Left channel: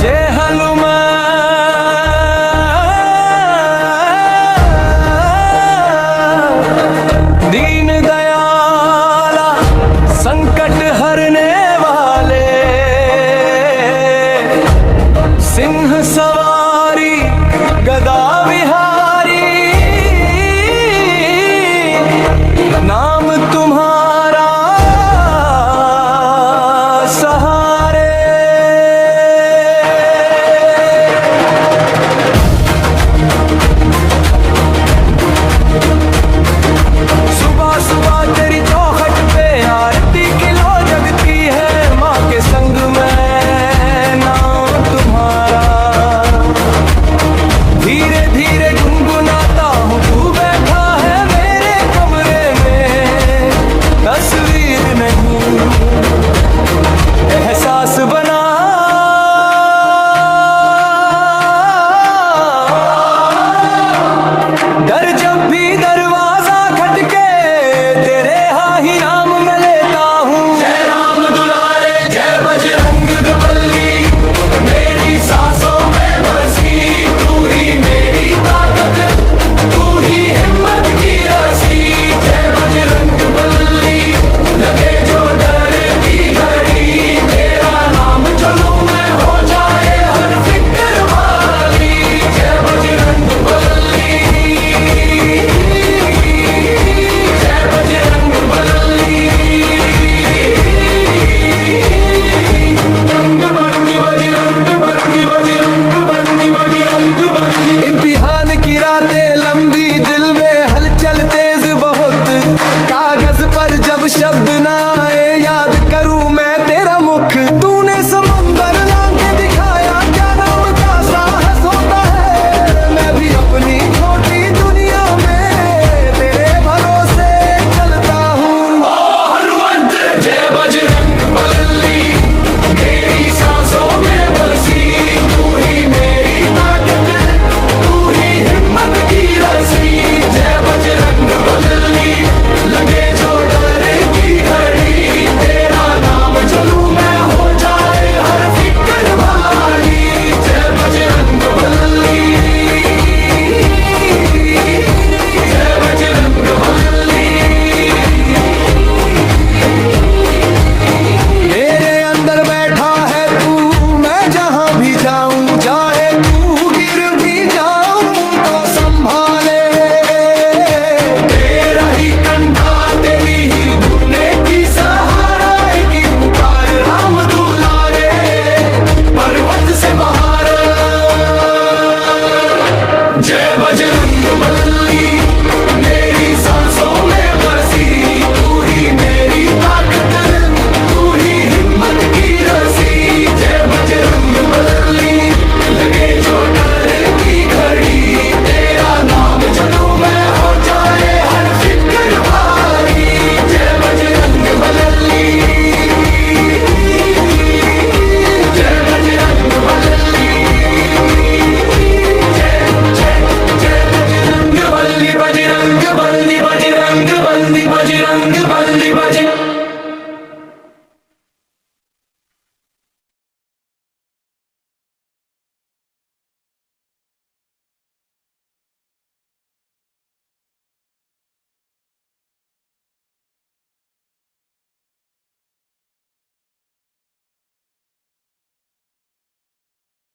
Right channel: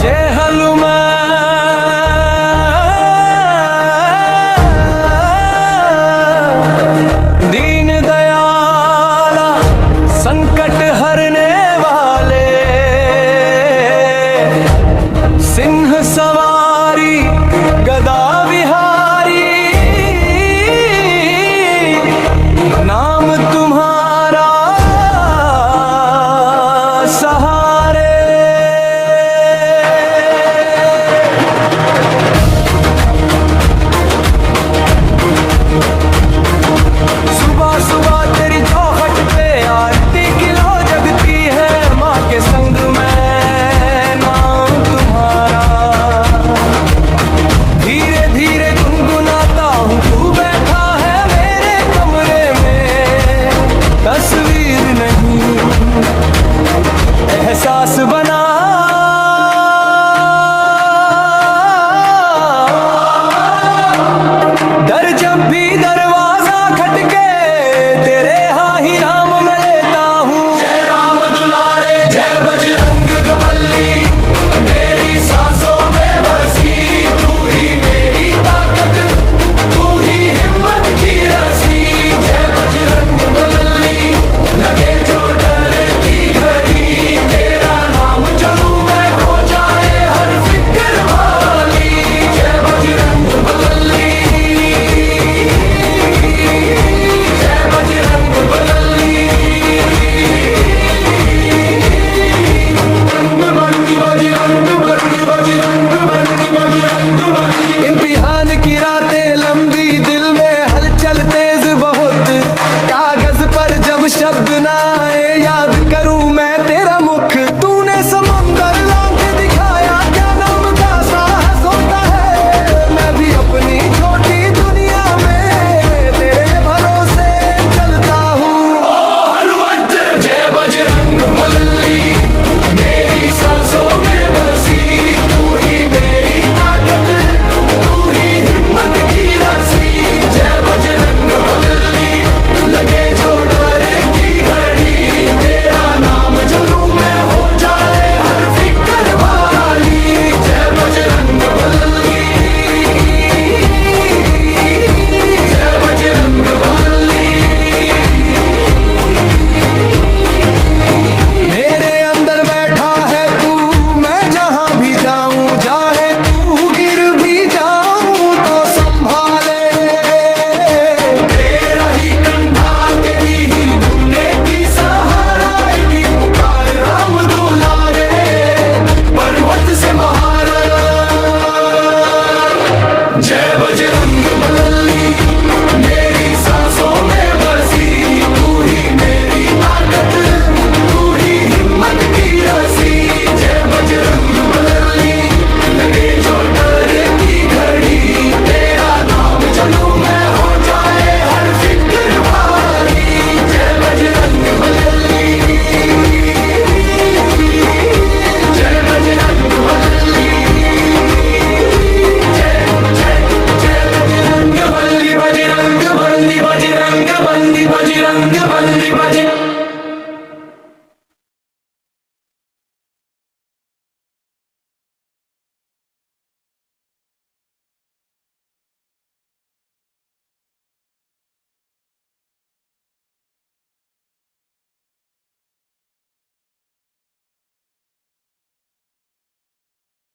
जय हनुमान दीन दयाला संकट हरने वाले, सिंह सवारी गदा विहारी, नाम तुम्हारा सहारे। सुबह सुबह तेरी चौखट पे आरती किलो जगती है, माँ के संग में नाम तुम्हारा। धीरे धीरे गुनगुनाता हूँ, तू बैठा है मेरे कमरे में, तस्वीर नहीं एहसास बना। दर जब भी दरवाजा खटके, तेरे हाँ ही नाम मैं लेता हूँ। जय राम दुलारे जय बजरंग बली, मेरी सांसों में बसी तू ही मेरी ताकत, तू ही हिम्मत की रसी। जय बजरंग बली, लगे जो डर की घड़ी, तेरा नाम चलूं मैं हो जाए हर फिक्र वाली। जय बजरंग बली, जय बजरंग बली, बजरंग बली, बजरंग बली, बजरंग बली, बजरंग बली। इम्तिहान की रातें लंबी, दिल में हलचल तेज बहुत, कागज पर जब शब्द ना आए, याद करूं मैं तेरा मुख। तूने समंदर लांग के दिखाया, क्या नाम का साहस होता है। मैं भी अपनी छोटी दुनिया में तेरे भरोसे चलता हूँ। ओ हनुमंत जय बजरंग बली, मेरी सांसों में बसी तू ही मेरी ताकत, तू ही हिम्मत की रसी। जय बजरंग बली, लगे जो डर की घड़ी, तेरा नाम चलूं मैं हो जाए हर फिक्र वाली। जय बजरंग बली, जय बजरंग बली। मेरे अंदर बैठा है तू, मैं जहां भी जाऊं चाहे